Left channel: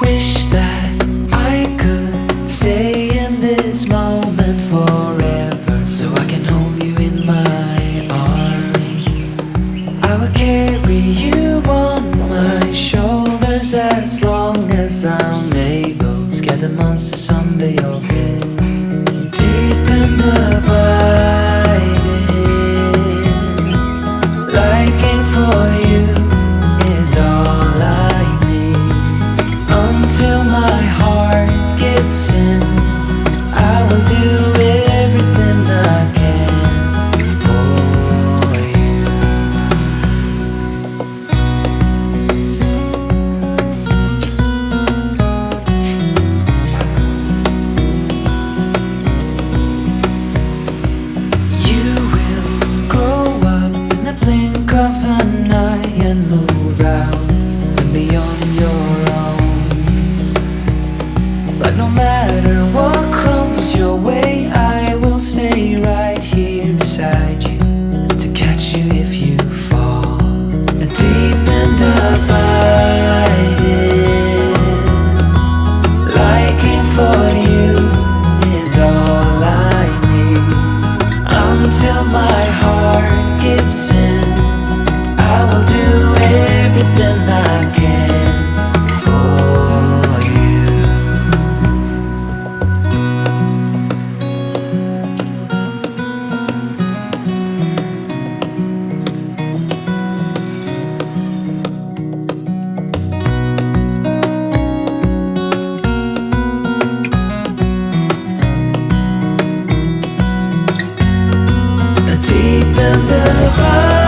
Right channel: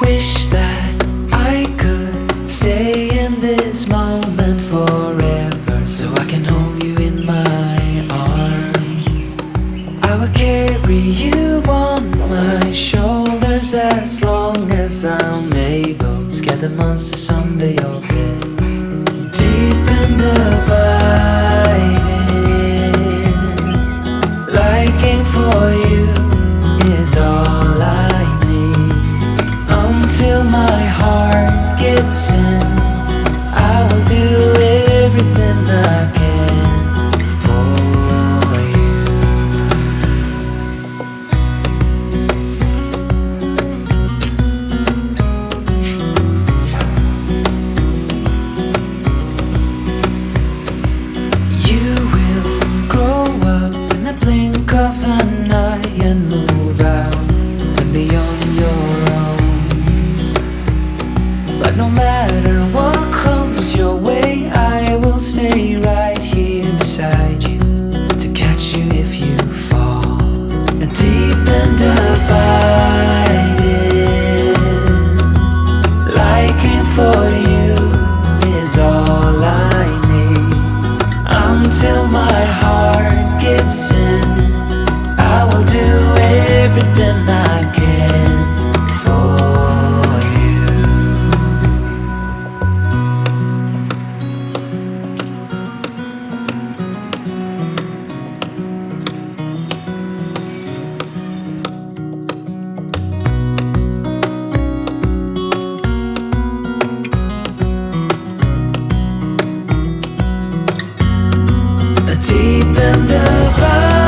Wish that I could stay in this moment forever, so I can hold you in my arms. I will carry you on my shoulders as long as I'm able. Scare the monsters under your bed. Deep and abiding, liking for you is all I need. Until my heart gives in, I will do everything I can for you. You will grow up in the blink of an eye and move out and beyond your own. But no matter what comes your way, I will stay right here beside you to catch you if you fall. And deep and abiding, liking for you is all I need. Until my heart gives in, I will do everything I can for you. Deep and abiding,